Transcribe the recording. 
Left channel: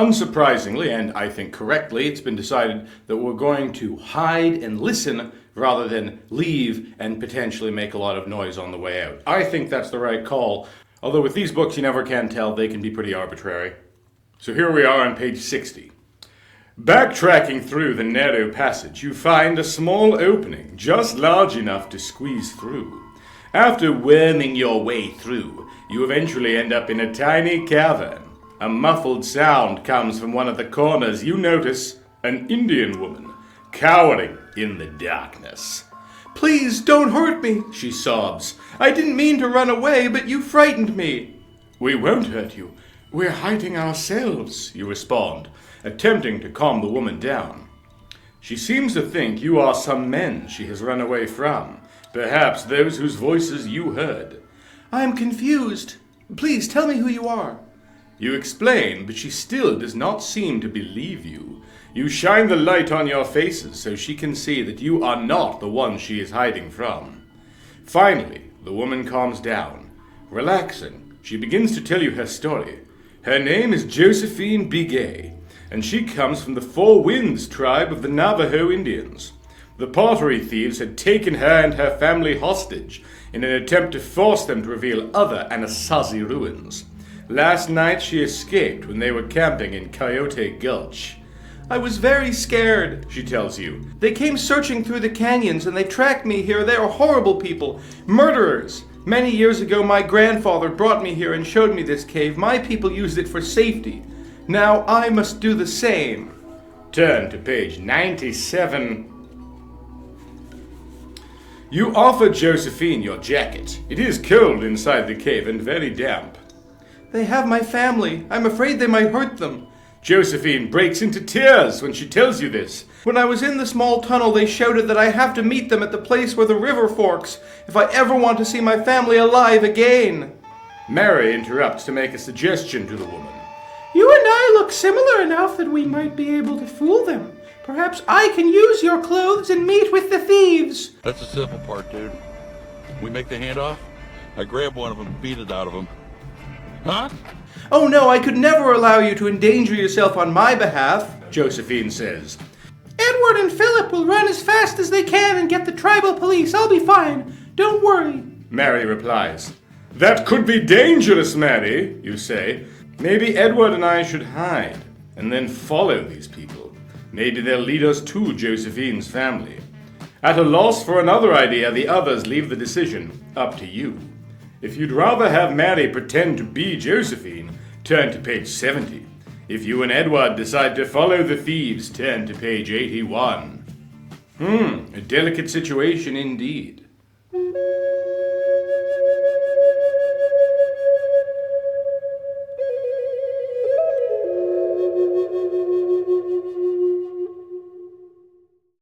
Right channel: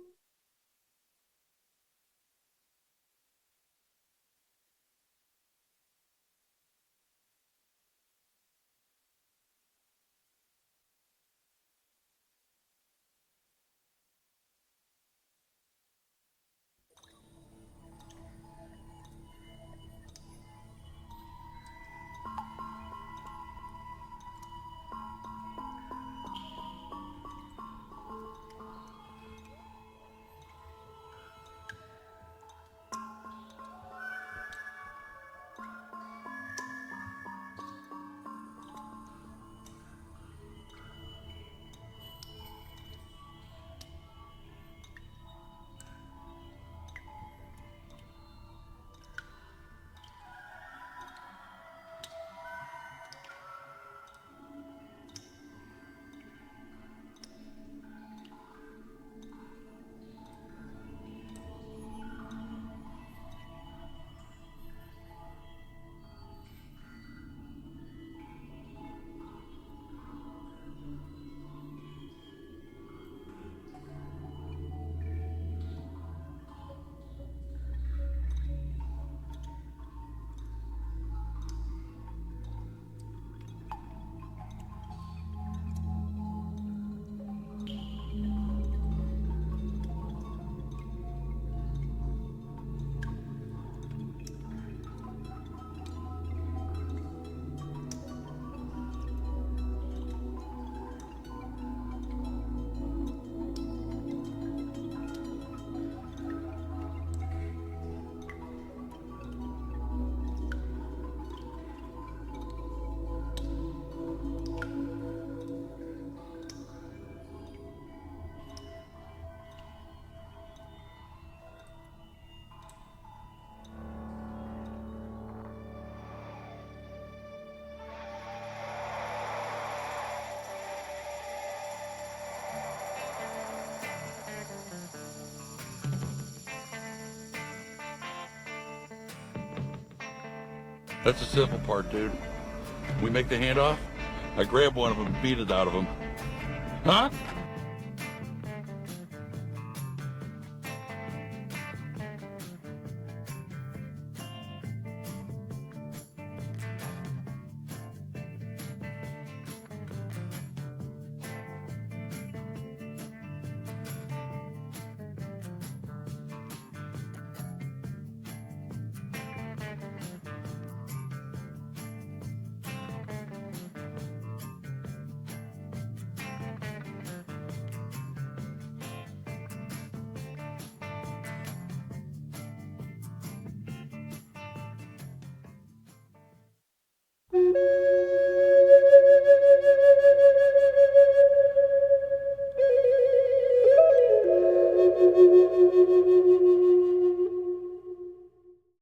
Unsurprisingly, and I think correctly, it's been decided that we're going to hide and listen rather than leave and potentially make a lot of noise on the way out. I think that's the right call, although with these books you never can tell, they can be pretty arbitrary. So here we are on page 60. Backtracking through the narrow passage, you find a small opening just large enough to squeeze through. After worming your way through, you eventually end up in a tiny cavern. A muffled sound comes from one of the corners. You notice an Indian woman cowering in the darkness. "Please don't hurt me," she sobs. "I didn't mean to run away, but you frightened me." "We won't hurt you. We're hiding ourselves," you respond, attempting to calm the woman down. She seems to think you are some men she has run away from, perhaps those whose voices you heard. "I'm confused. Please tell me who you are." You explain, but she still does not seem to believe you. You shine the light on your faces so she can see that you are not the one she is hiding from. Finally, the woman calms down. Relaxing, she begins to tell you her story. Her name is Josephine Bigay, and she comes from the Four Winds tribe of the Navajo Indians. The pottery thieves had taken her and her family hostage in an attempt to force them to reveal other Anasazi ruins. Last night she escaped when they were camping in Coyote Gulch. "I was very scared," she tells you. "They came searching through the canyons and they tracked me here. They are horrible people. Murderers. Many years ago my grandfather brought me here and showed me this cave. My people used it for safety. Now I must do the same." Turn to page 97. You offer Josephine your jacket. It is cold inside the cave and very damp. "They have my family. I'm afraid they might hurt them." Josephine breaks into tears when she tells you this. "When I was in the small tunnel, they shouted that I have to meet them at the place where the river forks if I ever want to see my family alive again." Mary interrupts to make a suggestion to the woman. "You and I look similar enough that we might be able to fool them. Perhaps I can use your clothes and meet with the thieves." That's the simple part, dude. We make the handoff, I grab one of them and beat it out of them. Huh? "Oh no, I could never allow you to endanger yourself on my behalf," Josephine says. "Edward and Philip will run as fast as they can and get the tribal police. I'll be fine. Don't worry." Mary replies. "That could be dangerous, Mary," you say. "Maybe Edward and I should hide and then follow these people. Maybe they'll lead us to Josephine's family." At a loss for another idea, the others leave the decision up to you. If you'd rather have Mary pretend to be Josephine, turn to page 70. If you and Edward decide to follow the thieves, turn to page 81. A delicate situation indeed.